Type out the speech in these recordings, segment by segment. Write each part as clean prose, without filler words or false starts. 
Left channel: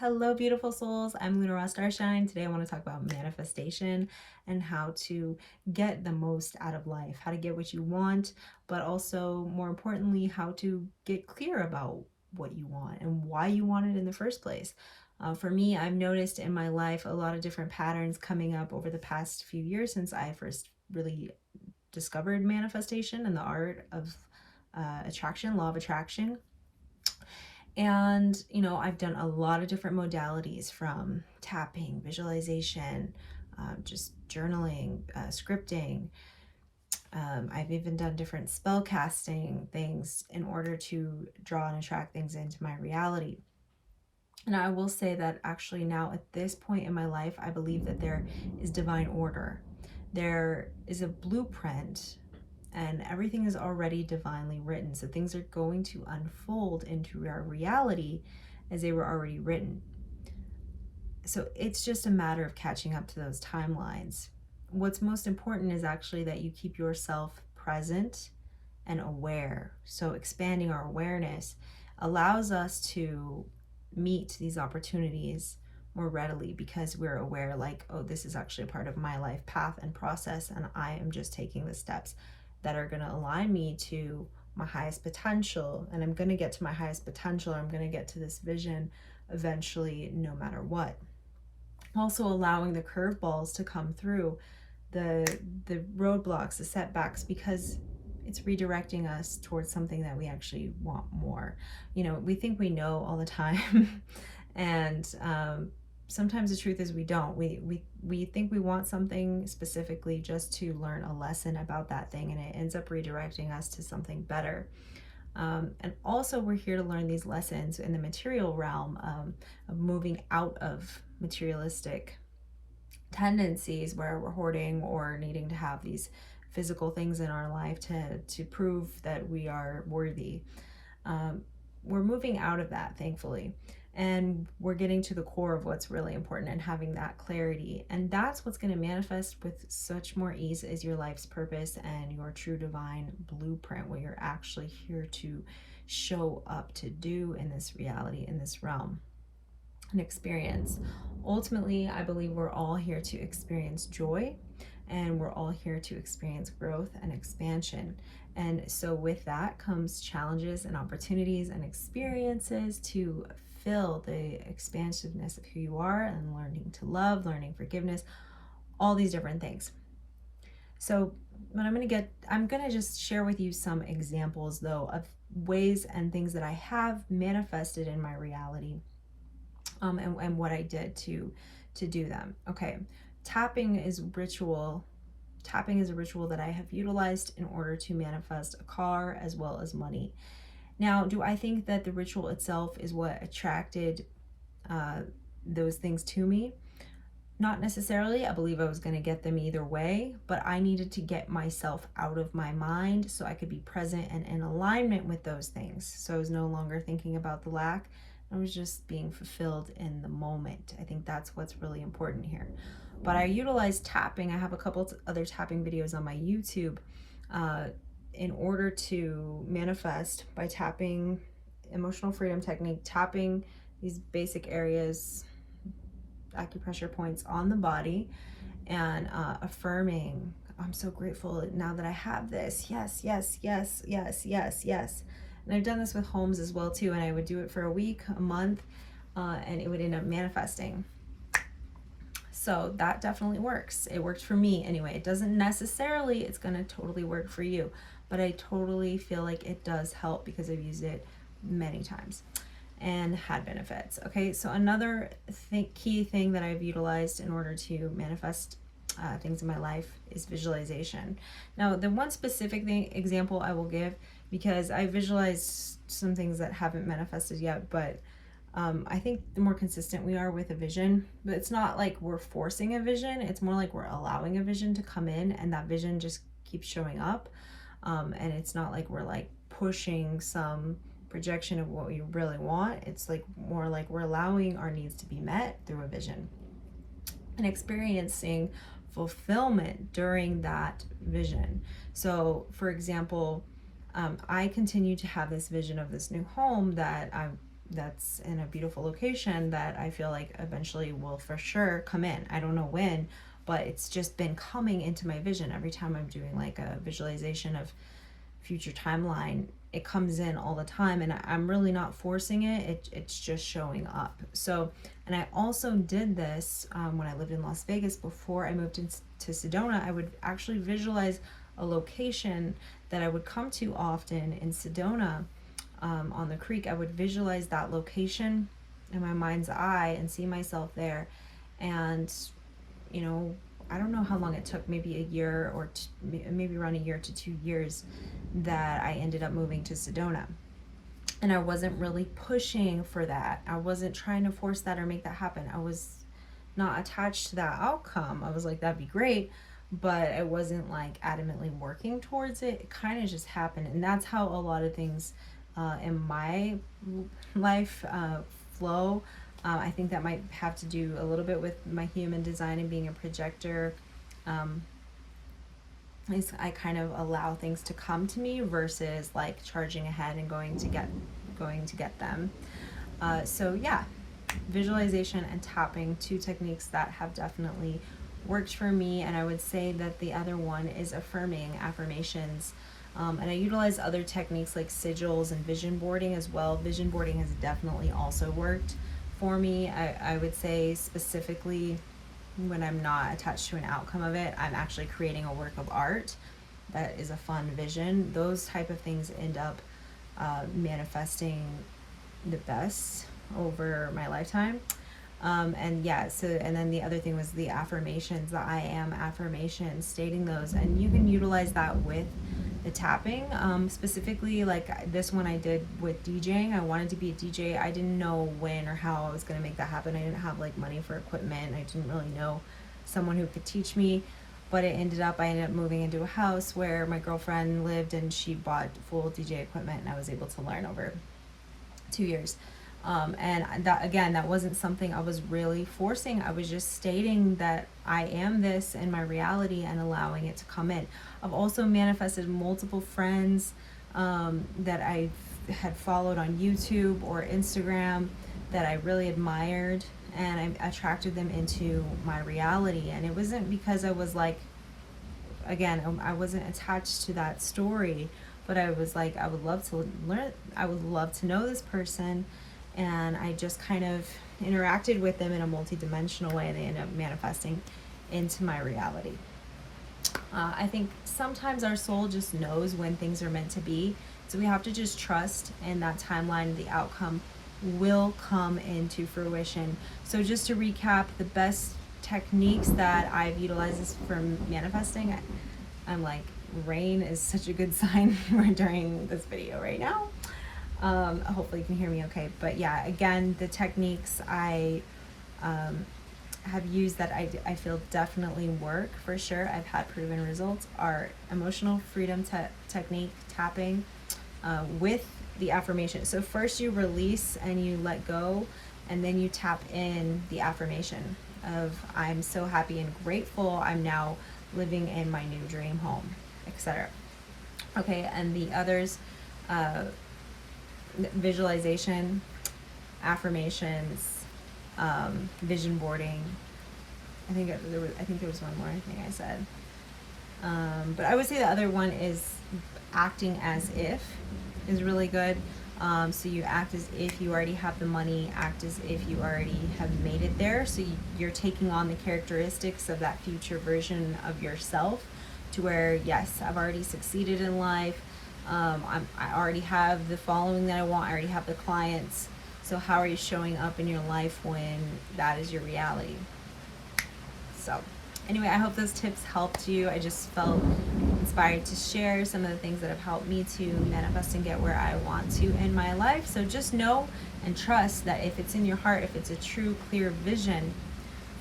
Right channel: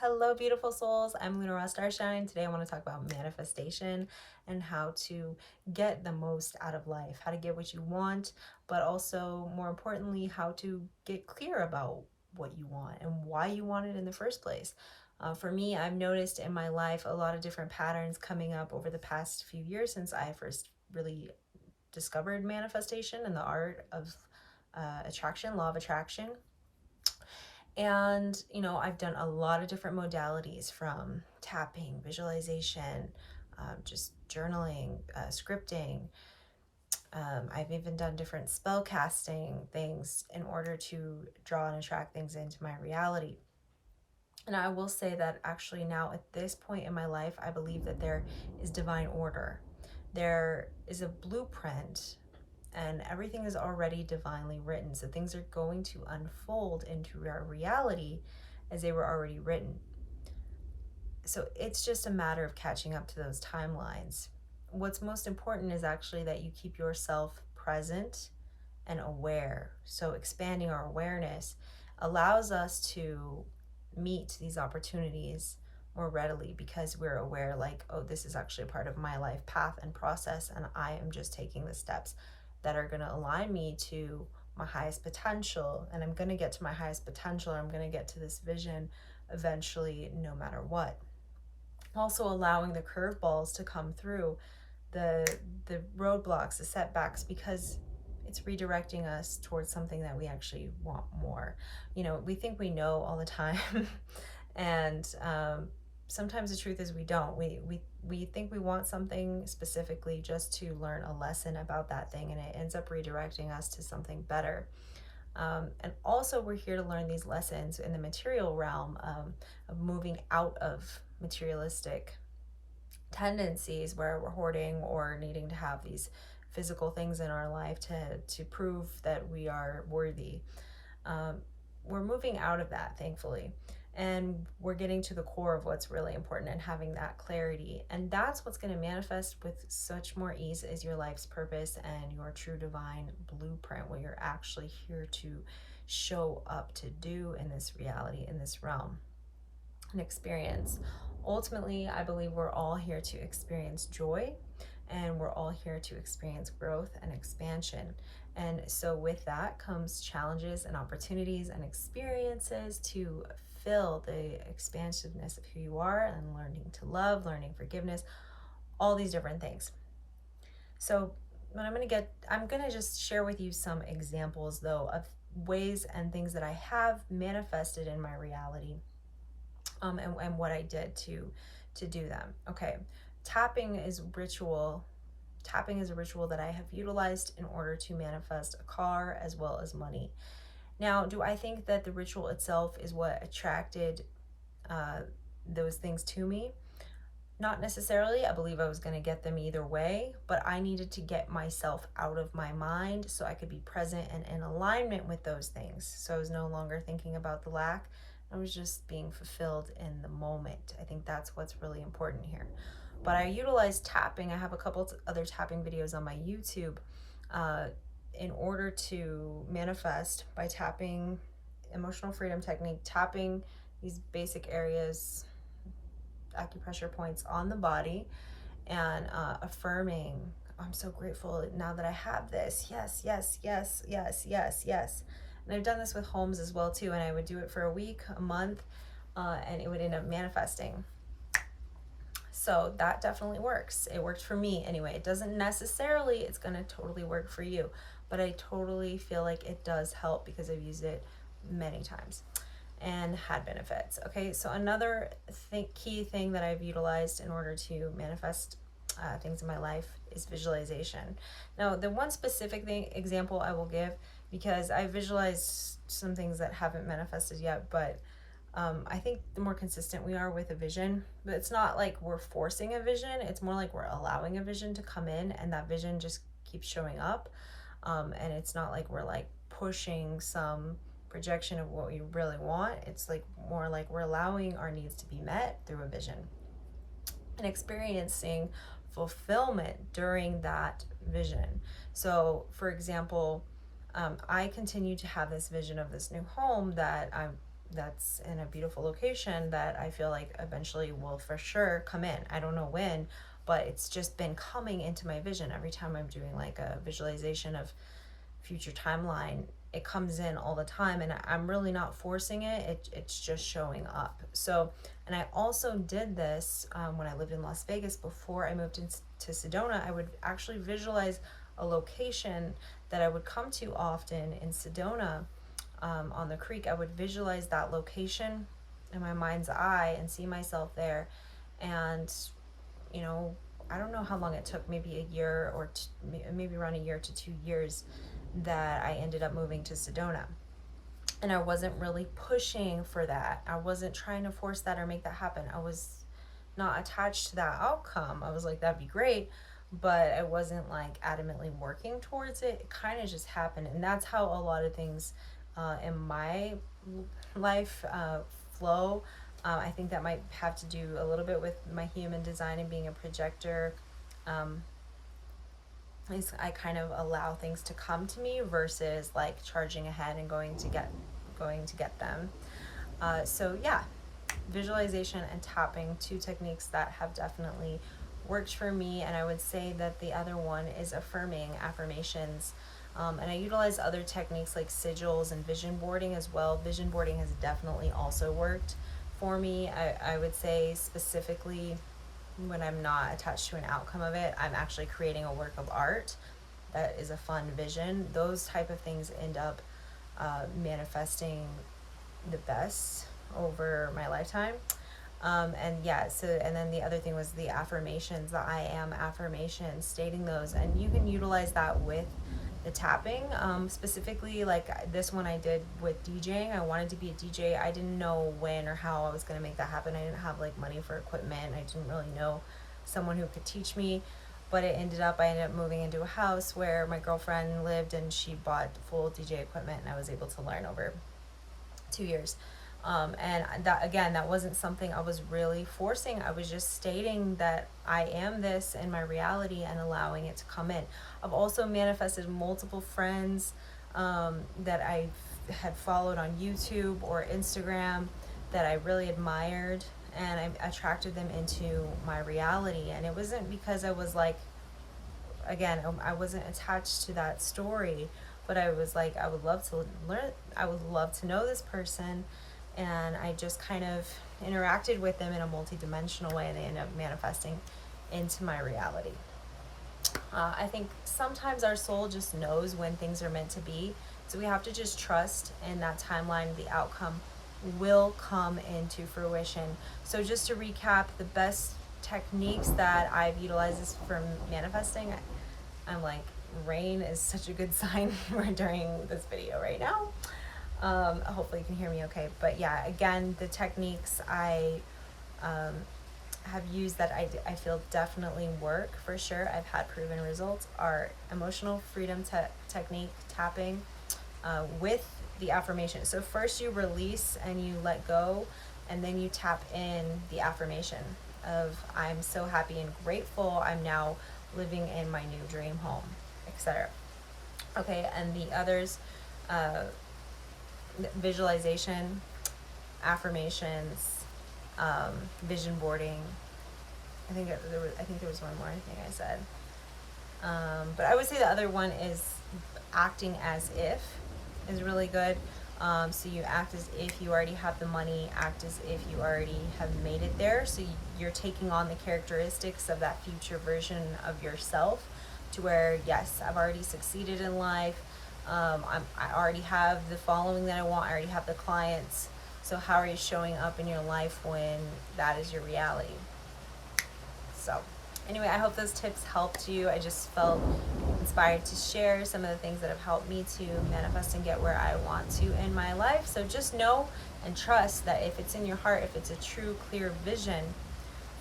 Hello, beautiful souls. I'm lunarastarshine. Today, I want to talk about manifestation and how to get the most out of life, how to get what you want, but also, more importantly, how to get clear about what you want and why you want it in the first place. For me, I've noticed in my life a lot of different patterns coming up over the past few years since I first really discovered manifestation and the art of attraction, law of attraction. And, I've done a lot of different modalities from tapping, visualization, just journaling, scripting. I've even done different spell casting things in order to draw and attract things into my reality. And I will say that actually now at this point in my life, I believe that there is divine order. There is a blueprint and everything is already divinely written. So things are going to unfold into our reality as they were already written. So it's just a matter of catching up to those timelines. What's most important is actually that you keep yourself present and aware. So expanding our awareness allows us to meet these opportunities more readily because we're aware, like, oh, this is actually a part of my life path and process, and I am just taking the steps that are going to align me to my highest potential, and I'm going to get to my highest potential. I'm going to get to this vision eventually, no matter what. Also allowing the curveballs to come through, the roadblocks, the setbacks, because it's redirecting us towards something that we actually want more. We think we know all the time, and sometimes the truth is we don't. We think we want something specifically just to learn a lesson about that thing, and it ends up redirecting us to something better. And also, we're here to learn these lessons in the material realm, of moving out of materialistic tendencies where we're hoarding or needing to have these physical things in our life to prove that we are worthy. We're moving out of that, thankfully, and we're getting to the core of what's really important and having that clarity. And that's what's going to manifest with such more ease as your life's purpose and your true divine blueprint, what you're actually here to show up to do in this reality, in this realm and experience. Ultimately, I believe we're all here to experience joy, and we're all here to experience growth and expansion. And so with that comes challenges and opportunities and experiences to fill the expansiveness of who you are and learning to love, learning forgiveness, all these different things. So what I'm going to just share with you some examples though of ways and things that I have manifested in my reality, and what I did to do them. Okay, tapping is ritual. Tapping is a ritual that I have utilized in order to manifest a car as well as money. Now, do I think that the ritual itself is what attracted those things to me? Not necessarily. I believe I was going to get them either way, but I needed to get myself out of my mind so I could be present and in alignment with those things. So I was no longer thinking about the lack. I was just being fulfilled in the moment. I think that's what's really important here. But I utilize tapping. I have a couple other tapping videos on my YouTube in order to manifest by tapping, emotional freedom technique, tapping these basic areas, acupressure points on the body, and affirming, I'm so grateful now that I have this. Yes, yes, yes, yes, yes, yes. And I've done this with homes as well too, and I would do it for a week, a month, and it would end up manifesting. So that definitely works. It worked for me anyway. It doesn't necessarily, it's gonna totally work for you, but I totally feel like it does help because I've used it many times and had benefits. Okay, so another key thing that I've utilized in order to manifest things in my life is visualization. Now, the one specific example I will give, because I visualized some things that haven't manifested yet, but I think the more consistent we are with a vision, but it's not like we're forcing a vision, it's more like we're allowing a vision to come in, and that vision just keeps showing up. And it's not like we're like pushing some projection of what we really want. It's like more like we're allowing our needs to be met through a vision and experiencing fulfillment during that vision. So for example, I continue to have this vision of this new home that that's in a beautiful location that I feel like eventually will for sure come in. I don't know when, but it's just been coming into my vision every time I'm doing like a visualization of future timeline. It comes in all the time, and I'm really not forcing it. It's just showing up. So, and I also did this when I lived in Las Vegas before I moved into Sedona. I would actually visualize a location that I would come to often in Sedona, on the creek. I would visualize that location in my mind's eye and see myself there. And, you know, I don't know how long it took, maybe a year or maybe around a year to 2 years, that I ended up moving to Sedona. And I wasn't really pushing for that. I wasn't trying to force that or make that happen. I was not attached to that outcome. I was like, that'd be great, but I wasn't like adamantly working towards it. It kind of just happened. And that's how a lot of things in my life flow. I think that might have to do a little bit with my human design and being a projector. I kind of allow things to come to me versus like charging ahead and going to get them. So yeah, visualization and tapping, two techniques that have definitely worked for me. And I would say that the other one is affirming affirmations. And I utilize other techniques like sigils and vision boarding as well. Vision boarding has definitely also worked for me. I would say specifically when I'm not attached to an outcome of it, I'm actually creating a work of art that is a fun vision. Those type of things end up manifesting the best over my lifetime. And yeah, so, and then the other thing was the affirmations, the I am affirmations, stating those. And you can utilize that with the tapping. Specifically, like this one I did with DJing. I wanted to be a DJ. I didn't know when or how I was going to make that happen. I didn't have like money for equipment. I didn't really know someone who could teach me. But I ended up moving into a house where my girlfriend lived, and she bought full DJ equipment, and I was able to learn over 2 years. And that wasn't something I was really forcing. I was just stating that I am this in my reality and allowing it to come in. I've also manifested multiple friends that I had followed on YouTube or Instagram that I really admired, and I attracted them into my reality. And it wasn't because I was like, again, I wasn't attached to that story, but I was like, I would love to learn, I would love to know this person. And I just kind of interacted with them in a multi-dimensional way, and they ended up manifesting into my reality. I think sometimes our soul just knows when things are meant to be, so we have to just trust in that timeline. The outcome will come into fruition. So just to recap, the best techniques that I've utilized for manifesting, I'm like, rain is such a good sign during this video right now. Hopefully you can hear me okay. But yeah, again, the techniques I have used that I feel definitely work for sure, I've had proven results, are emotional freedom technique, tapping, with the affirmation. So first you release and you let go, and then you tap in the affirmation of I'm so happy and grateful, I'm now living in my new dream home, etc. Okay, and the others, visualization, affirmations, vision boarding. I think there was one more thing I said. But I would say the other one is acting as if is really good. So you act as if you already have the money, act as if you already have made it there. So you're taking on the characteristics of that future version of yourself, to where, yes, I've already succeeded in life. I already have the following that I want. I already have the clients. So how are you showing up in your life when that is your reality? So anyway, I hope those tips helped you. I just felt inspired to share some of the things that have helped me to manifest and get where I want to in my life. So just know and trust that if it's in your heart, if it's a true, clear vision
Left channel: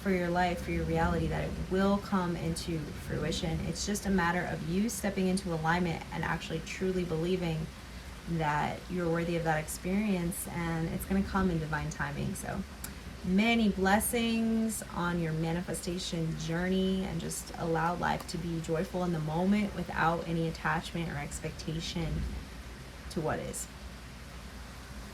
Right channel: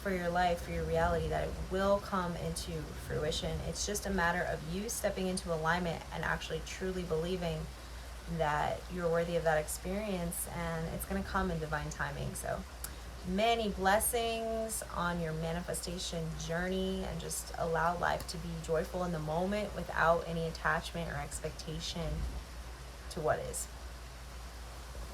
for your life, for your reality, that it will come into fruition. It's just a matter of you stepping into alignment and actually truly believing that you're worthy of that experience, and it's going to come in divine timing. So many blessings on your manifestation journey, and just allow life to be joyful in the moment without any attachment or expectation to what is.